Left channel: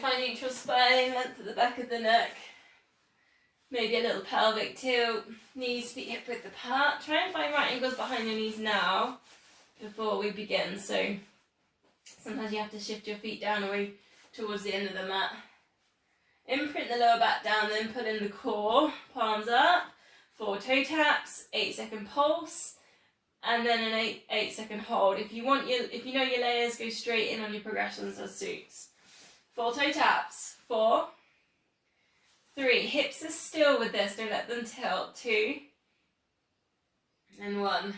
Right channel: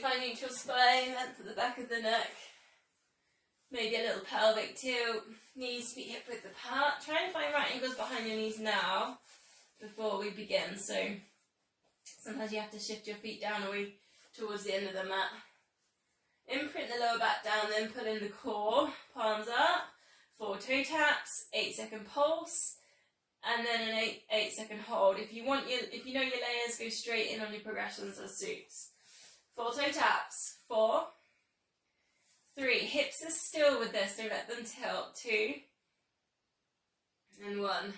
find neutral spine, length at the back of the neck. Maybe a little pelvic tilt, knees feet hip width apart. Try and find right angles behind your knees now before we begin. So sometimes you have to shift your feet down away towards the end of the mat. Imprint the lower back down, then pull in the core, palms up, 4 toe taps, 8-second pulse, and then an 8-second hold. If you know your layers, go straight in on your progressions as suits. 4 toe taps, 4, 3, hips are still with this, don't let them tilt, 2, and 1.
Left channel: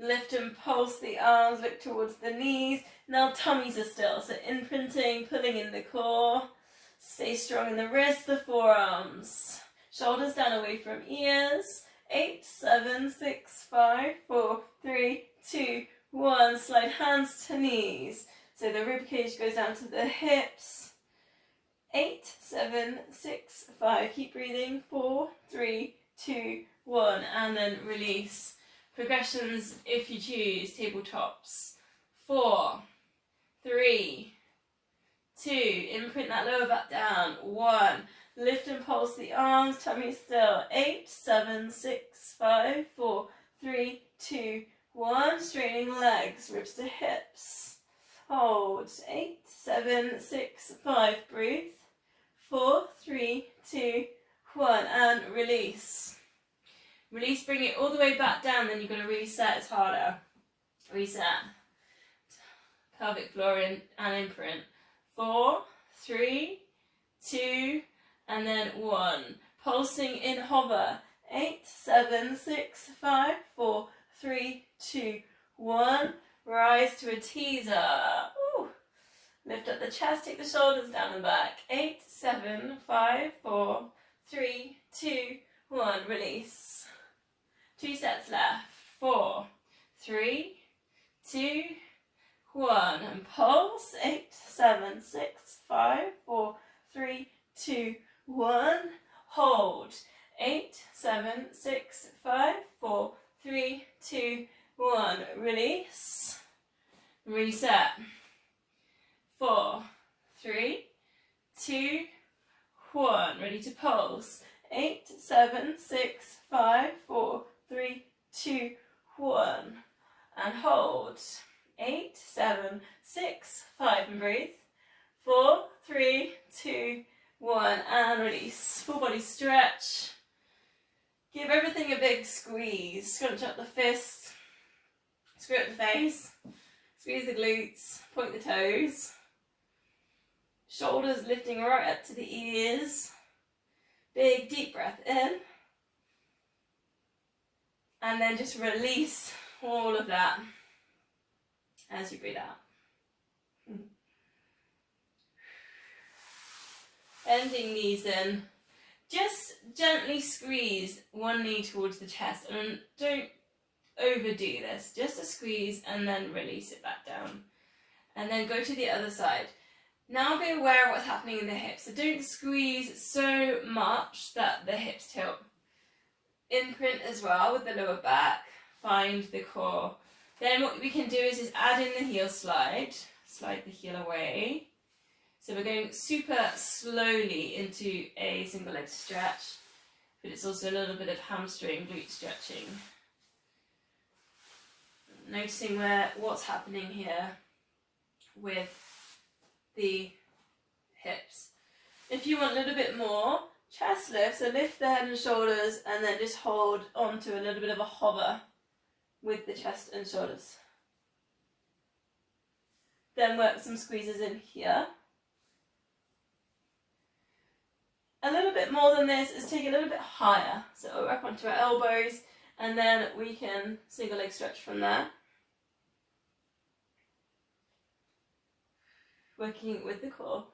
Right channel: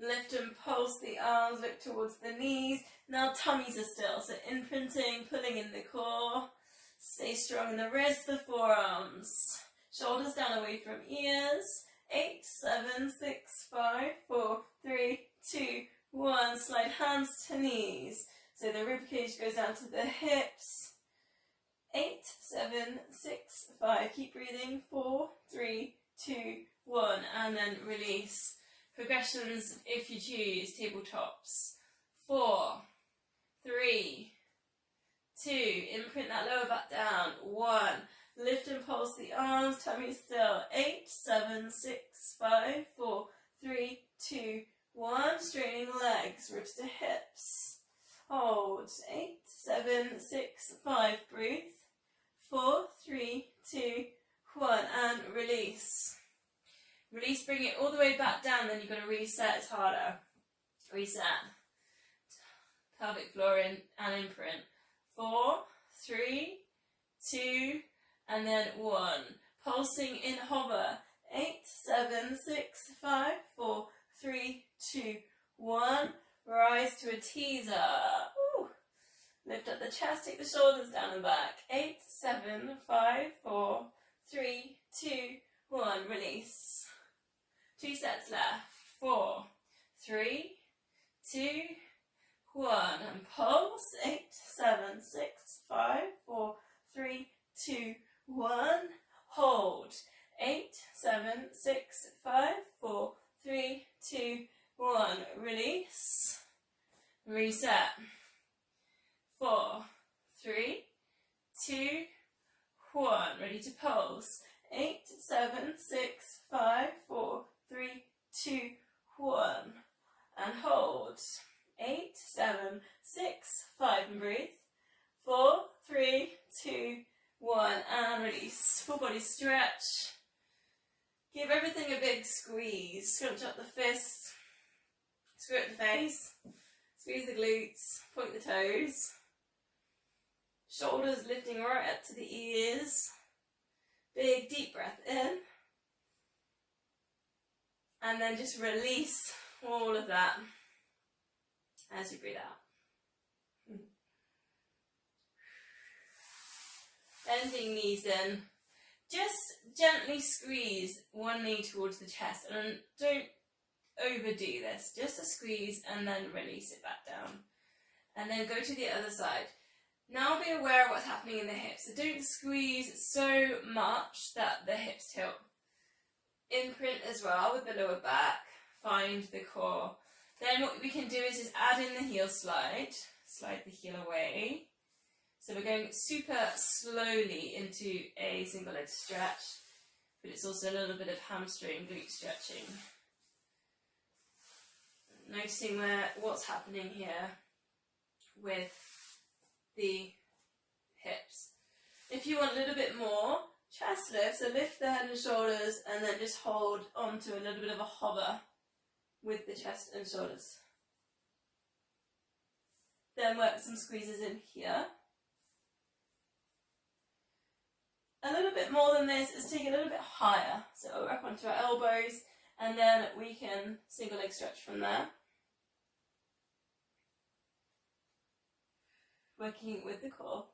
Lift and pulse the arms, look towards the knees. Now tummies are still, so imprinting, pulling in the core. Stay strong in the wrists, the forearms. Shoulders down away from ears. 8, 7, 6, 5, 4, 3, 2, 1. Slide hands to knees. So the rib cage goes down to the hips. 8, 7, 6, 5. Keep breathing. 4, 3, 2, 1. And then release. Progressions, if you choose, tabletops. 4, 3, 2, imprint that lower back down. 1, lift and pulse the arms, tummy still. 8, 7, 6, 5, 4, 3, 2, 1. Straightening legs, ribs to hips. Hold. 8, 7, 6, 5. Breathe. 4, 3, 2, 1. And release. Release, bring it all the way back down, then you've got to reset. It's harder. Reset. Pelvic floor in and imprint. 4, 3, 2, and then 1. Pulsing in hover. 8, 7, 6, 5, 4, 3, 2, 1. Rise to a teaser. Ooh. Lift up the chest, take the shoulders down and back. 8, 7, 5, 4, 3, 2, 1. Release. 2 sets left. 4, 3, 2, 1. And pulse. 8, 7, 6, 5, 4, 3, 2, 1. Hold. 8, 7, 6, 5, 4, 3, 2, 1. Release. Reset. 4, 3, 2, 1. Ready to pulse. 8, 7, 6, 5, 4, 3, 2, 1. And hold. 8, 7, 6, 5. And breathe. 4, 3, 2, 1. And release. Full body stretch. Give everything a big squeeze. Scrunch up the fist. Screw up the face. Squeeze the glutes. Point the toes. Shoulders lifting right up to the ears. Big deep breath in. And then just release all of that as you breathe out. Bending knees in. Just gently squeeze one knee towards the chest. And don't overdo this. Just a squeeze and then release it back down. And then go to the other side. Now be aware of what's happening in the hips. So don't squeeze so much that the hips tilt. Imprint as well with the lower back. Find the core. Then what we can do is just add in the heel slide. Slide the heel away. So we're going super slowly into a single leg stretch. But it's also a little bit of hamstring glute stretching. Noticing what's happening here with the hips. If you want a little bit more, chest lift, so lift the head and shoulders and then just hold on to a little bit of a hover with the chest and shoulders. Then work some squeezes in here. A little bit more than this is take it a little bit higher. So we'll work onto our elbows and then we can single leg stretch from there. Working with the core.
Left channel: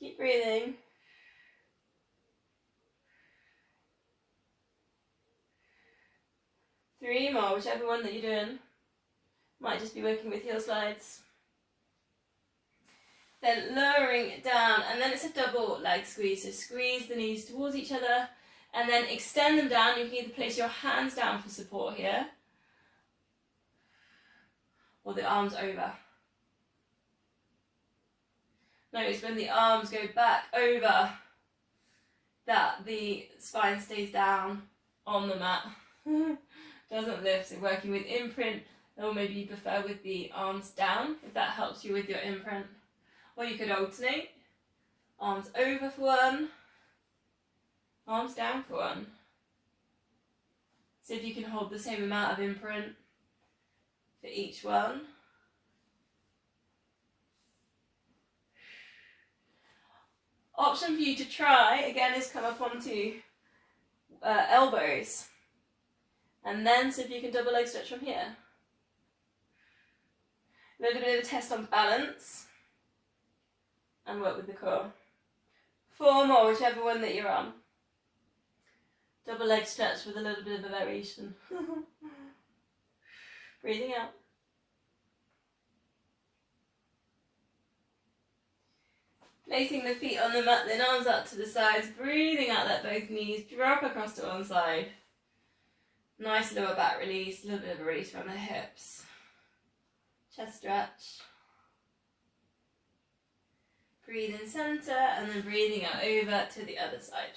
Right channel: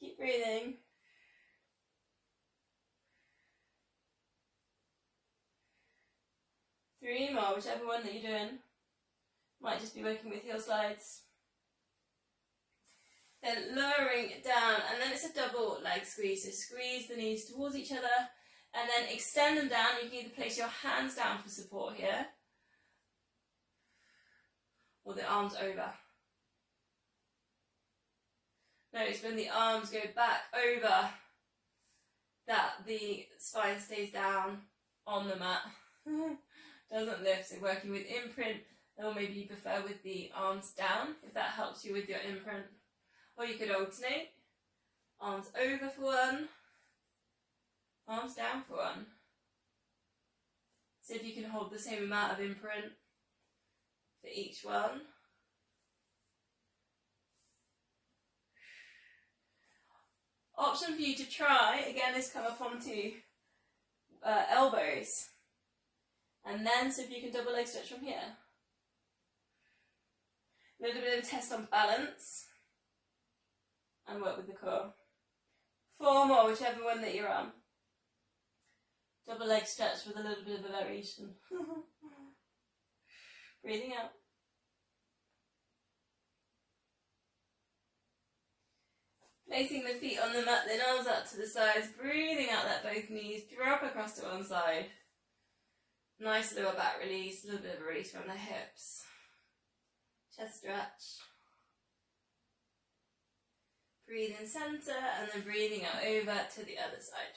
Keep breathing. Three more, whichever one that you're doing. Might just be working with heel slides. Then lowering it down, and then it's a double leg squeeze. So squeeze the knees towards each other, and then extend them down. You can either place your hands down for support here, or the arms over. Notice when the arms go back over that the spine stays down on the mat. Doesn't lift. So working with imprint, or maybe you prefer with the arms down, if that helps you with your imprint. Or you could alternate. Arms over for one, arms down for one. See if you can hold the same amount of imprint for each one. Option for you to try, again, is come up onto elbows. And then see if you can double leg stretch from here. A little bit of a test on balance. And work with the core. 4 more, whichever one that you're on. Double leg stretch with a little bit of a variation. Breathing out. Placing the feet on the mat, then arms out to the sides. Breathing out, let both knees drop across to one side. Nice lower back release, a little bit of a release from the hips. Chest stretch. Breathe in centre and then breathing out over to the other side.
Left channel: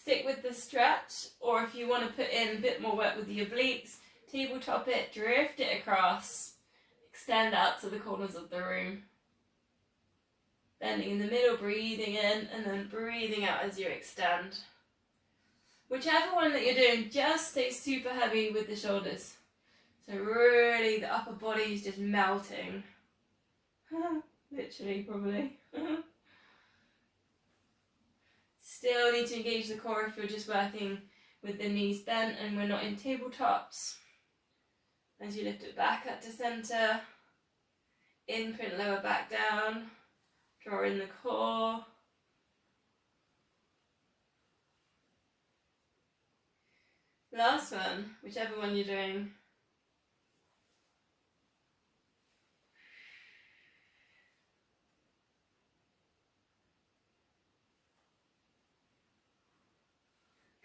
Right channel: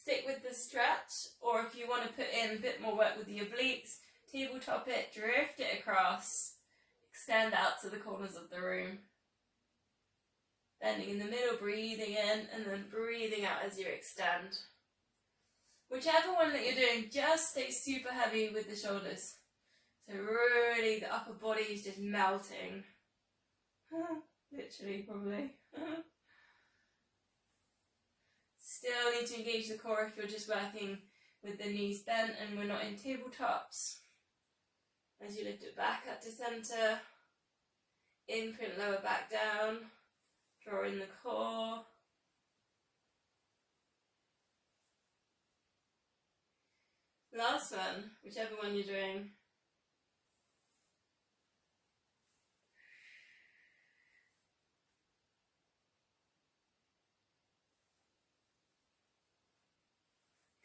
Stick with the stretch, or if you want to put in a bit more work with the obliques, tabletop it, drift it across, extend out to the corners of the room. Bending in the middle, breathing in, and then breathing out as you extend. Whichever one that you're doing, just stay super heavy with the shoulders. So really the upper body is just melting. Literally, probably. Still need to engage the core if you're just working with the knees bent and we're not in tabletops. As you lift it back up to centre, imprint lower back down, draw in the core. Last one, whichever one you're doing.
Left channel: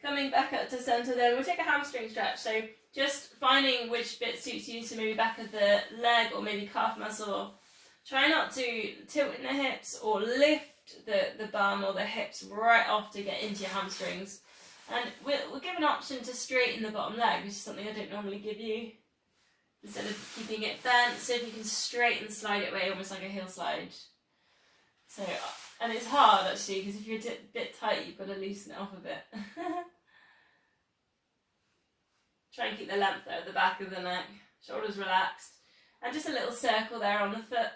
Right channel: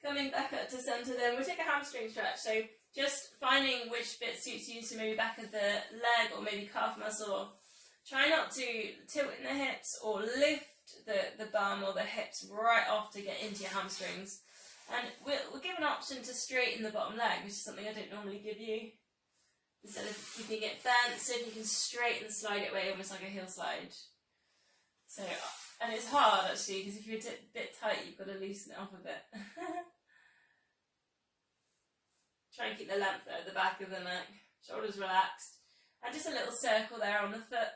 Coming back up to centre then, we'll take a hamstring stretch. So just finding which bit suits you, so maybe back of the leg or maybe calf muscle. Try not to tilt in the hips or lift the bum or the hips right off to get into your hamstrings. And we'll give an option to straighten the bottom leg, which is something I don't normally give you. Instead of keeping it bent, so if you can straighten, slide it away, almost like a heel slide. So, and it's hard actually, because if you're a bit tight, you've got to loosen it off a bit. Try and keep the length there at the back of the neck, shoulders relaxed, and just a little circle there on the foot,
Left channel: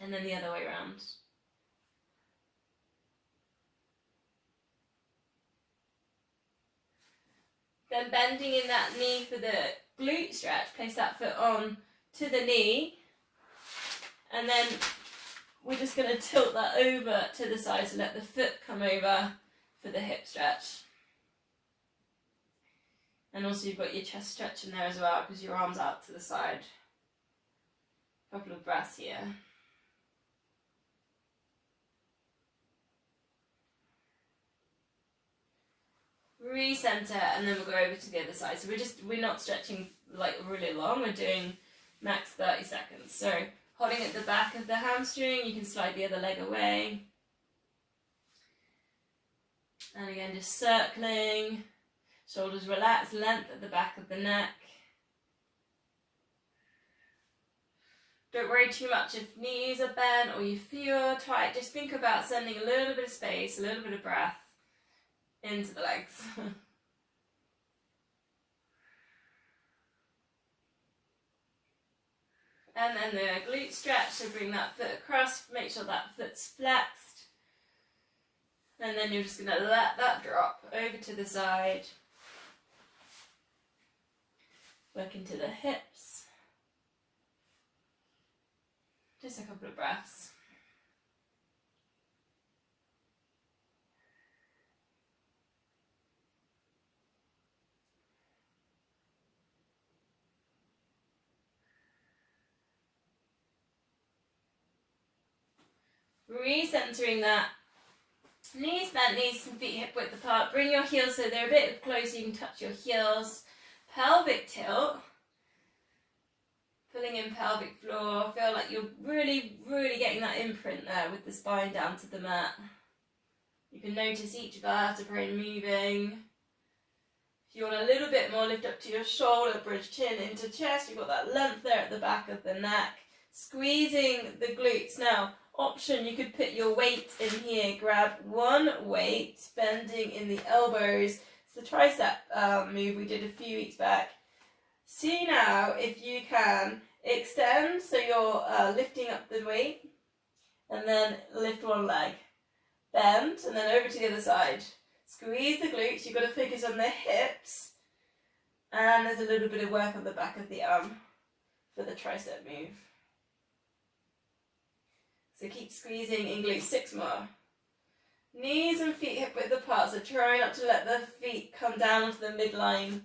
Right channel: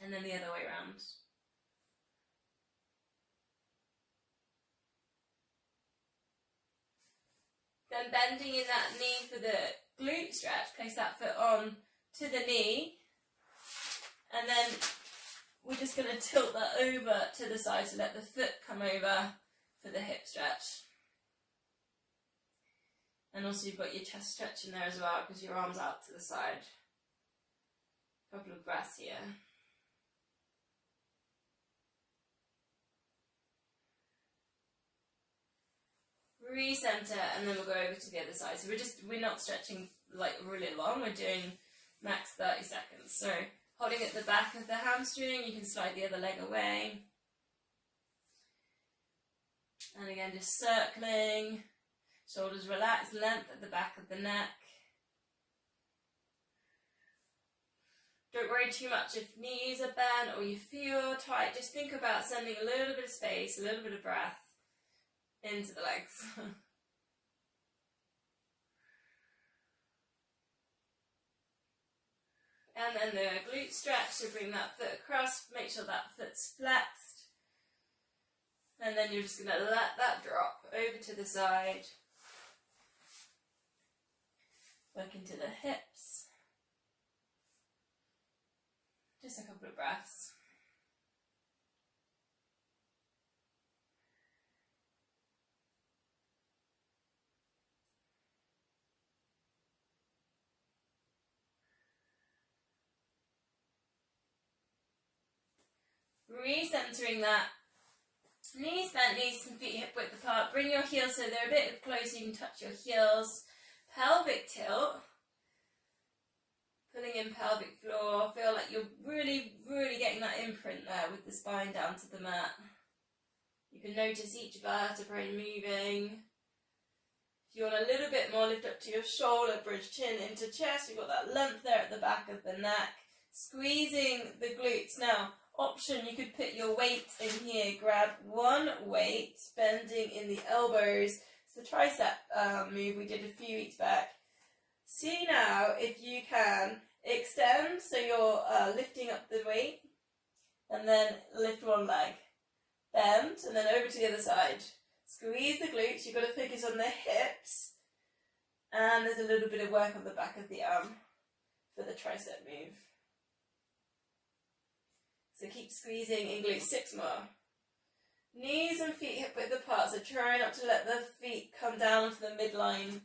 and then the other way around. Then bending in that knee for the glute stretch, place that foot on to the knee, and then we're just going to tilt that over to the side to let the foot come over for the hip stretch. And also you've got your chest stretch in there as well, because your arms out to the side. A couple of breaths here. Recenter, and then we'll go over to the other side. So we're not stretching like really long, we're doing max 30 seconds. So holding at the back of the hamstring, you can slide the other leg away. And again, just circling. Shoulders relaxed, length at the back of the neck. Don't worry too much if knees are bent or you feel tight. Just think about sending a little bit of space, a little bit of breath into the legs. And then the glute stretch, so bring that foot across, make sure that foot's flexed. And then you're just going to let that drop over to the side. Work into the hips. Just a couple of breaths. Recentering that Knees bent, knees and feet hip width apart. Bring your heels so they're a bit closer, you can touch your heels. Pelvic tilt. Pulling in pelvic floor. Feel like you're really, really getting that imprint there with the spine down to the mat. You can notice each vertebrae moving. If you want a little bit more, lift up to your shoulder, bridge chin into chest. You've got that length there at the back of the neck. Squeezing the glutes. Now, option, you could put your weight in here. Grab one weight, bending in the elbows. It's the tricep move we did a few weeks back. See now if you can extend, so you're lifting up the weight, and then lift one leg. Bend, and then over to the other side. Squeeze the glutes, you've got to focus on the hips, and there's a little bit of work on the back of the arm for the tricep move. So keep squeezing in glutes, 6 more. Knees and feet hip width apart, so try not to let the feet come down onto the midline,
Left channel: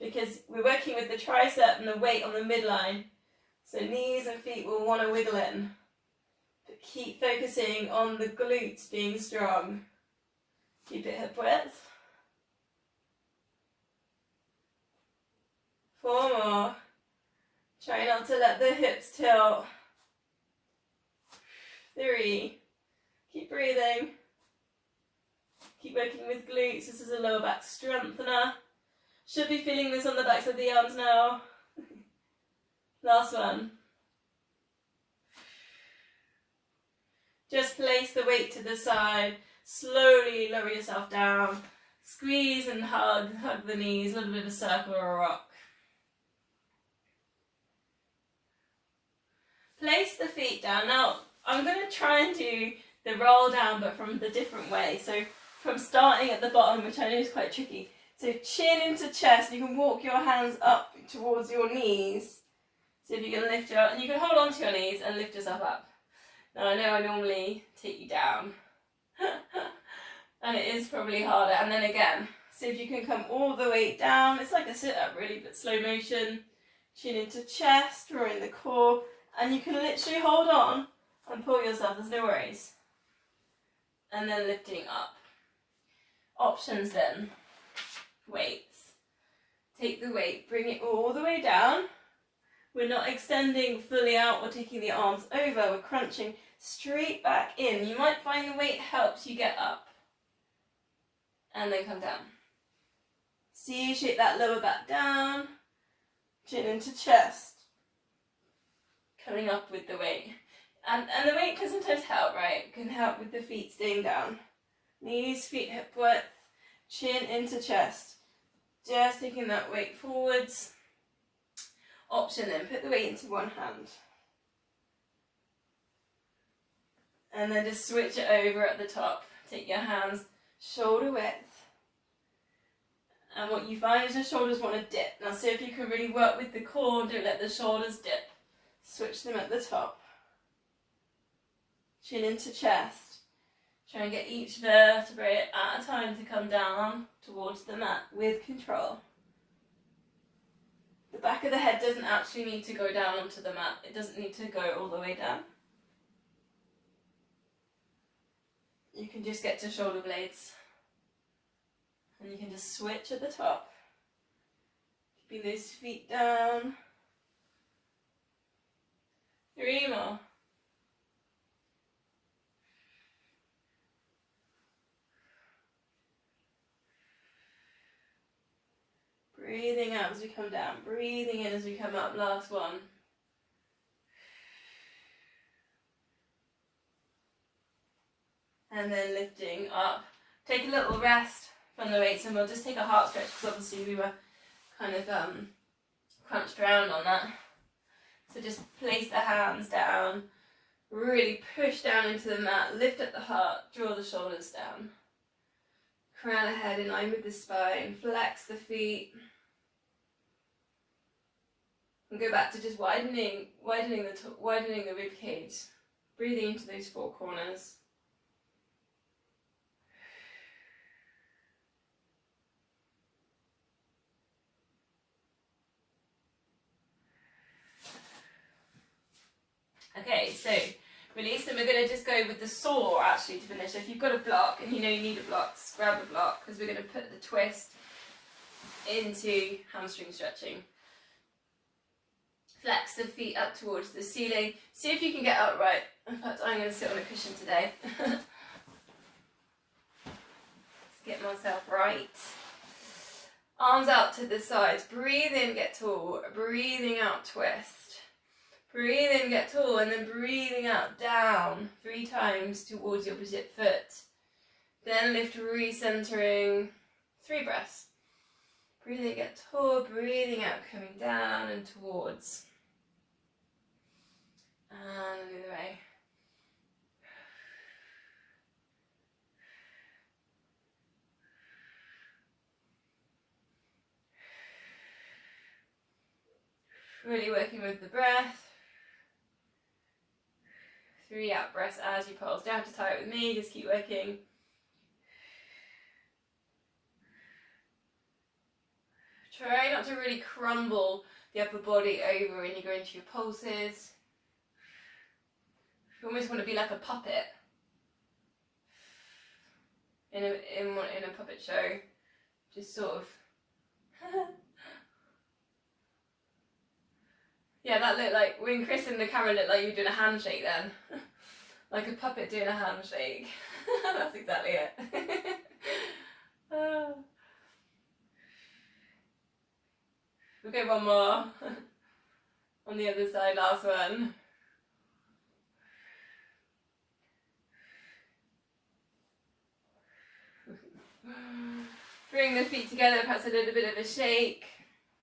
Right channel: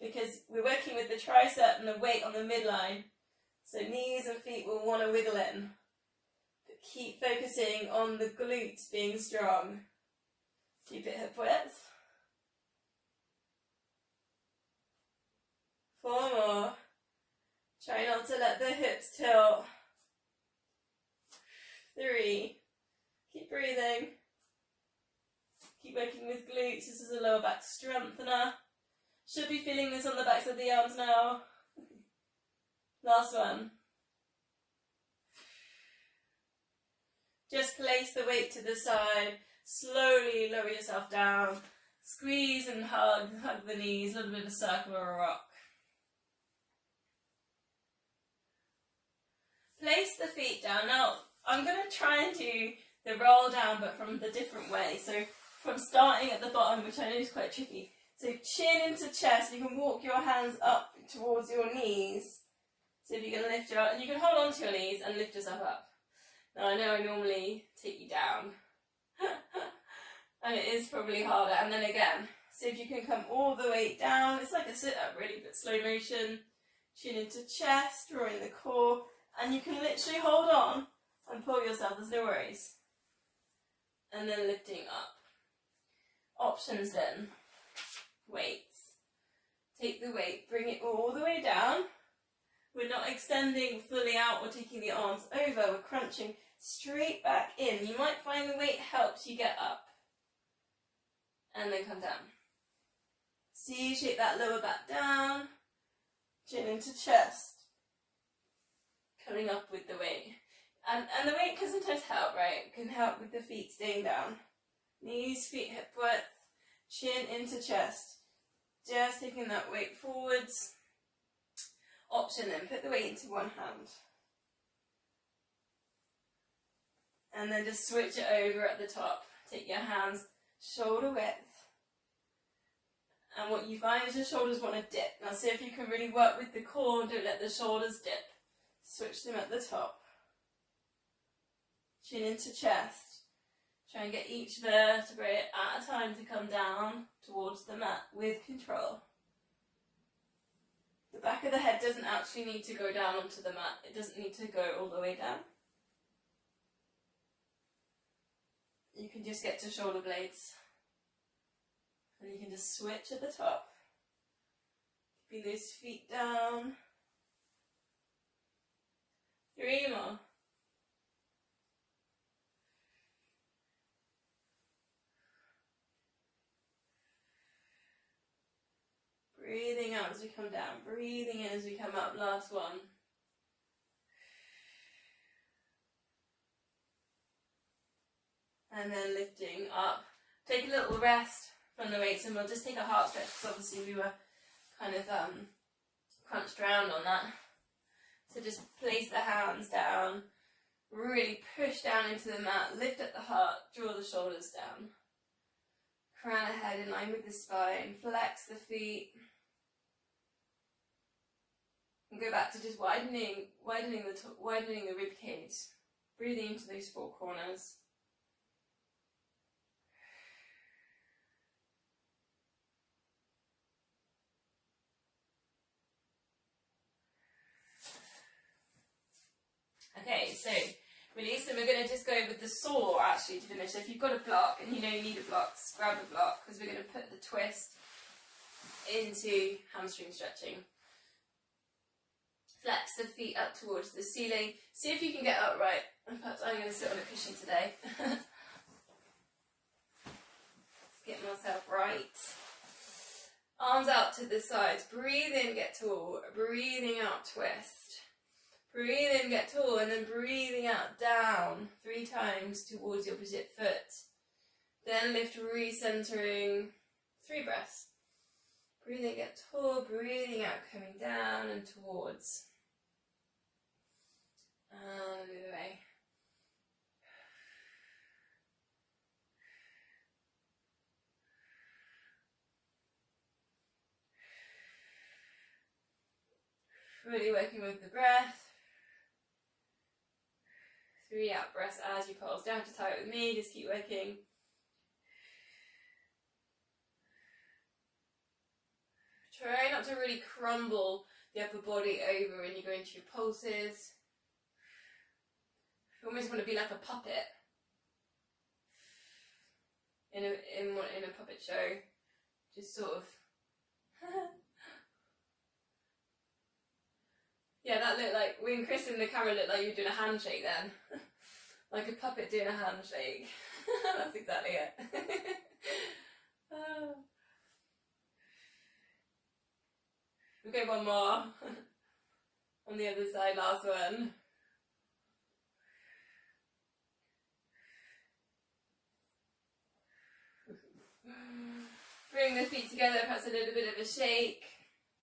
because we're working with the tricep and the weight on the midline. So knees and feet will want to wiggle in. But keep focusing on the glutes being strong. Keep it hip width. 4 more. Try not to let the hips tilt. 3. Keep breathing. Keep working with glutes. This is a lower back strengthener. Should be feeling this on the backs of the arms now. Last one. Just place the weight to the side. Slowly lower yourself down. Squeeze and hug the knees. A little bit of a circle or a rock. Place the feet down. Now, I'm going to try and do the roll down, but from the different way. So from starting at the bottom, which I know is quite tricky. So chin into chest, you can walk your hands up towards your knees. So if you can lift your, and you can hold on to your knees and lift yourself up. Now I know I normally take you down. And it is probably harder. And then again, so if you can come all the way down, it's like a sit-up really, but slow motion. Chin into chest, drawing the core. And you can literally hold on and pull yourself, there's no worries. And then lifting up. Options then. Weights. Take the weight, bring it all the way down. We're not extending fully out or taking the arms over. We're crunching straight back in. You might find the weight helps you get up. And then come down. See, shake that lower back down. Chin into chest. Coming up with the weight. And the weight can sometimes help, right? It can help with the feet staying down. Knees, feet hip width. Chin into chest. Just taking that weight forwards. Option then, put the weight into one hand. And then just switch it over at the top. Take your hands shoulder width. And what you find is your shoulders want to dip. Now see if you can really work with the core and don't let the shoulders dip. Switch them at the top. Chin into chest. Try and get each vertebrae at a time to come down towards the mat with control. The back of the head doesn't actually need to go down onto the mat. It doesn't need to go all the way down. You can just get to shoulder blades. And you can just switch at the top. Keeping those feet down. 3 more. Breathing out as we come down. Breathing in as we come up. Last one. And then lifting up. Take a little rest from the weights and we'll just take a heart stretch because obviously we were kind of crunched around on that. So just place the hands down. Really push down into the mat. Lift up the heart. Draw the shoulders down. Crown the head in line with the spine. Flex the feet. And go back to just widening the rib cage. Breathing into those 4 corners. Okay, so Release, and we're going to just go with the saw actually to finish. So if you've got a block and you know you need a block, just grab a block, because we're going to put the twist into hamstring stretching. Flex the feet up towards the ceiling. See if you can get upright. In fact, I'm going to sit on a cushion today. Get myself right. Arms out to the sides. Breathe in, get tall. Breathing out, twist. Breathe in, get tall, and then breathing out, down 3 times towards the opposite foot. Then lift, recentering. 3 breaths. Breathe in, get tall. Breathing out, coming down and towards. And the other way. Really working with the breath. 3 out breaths as you pulse. Don't have to tie it with me, just keep working. Try not to really crumble the upper body over when you go into your pulses. You almost want to be like a puppet in a puppet show. Just sort of. Yeah, that looked like, when Chris in the camera looked like you were doing a handshake then. Like a puppet doing a handshake. That's exactly it. We'll go one more. On the other side, last one. Bring the feet together, perhaps a little bit of a shake.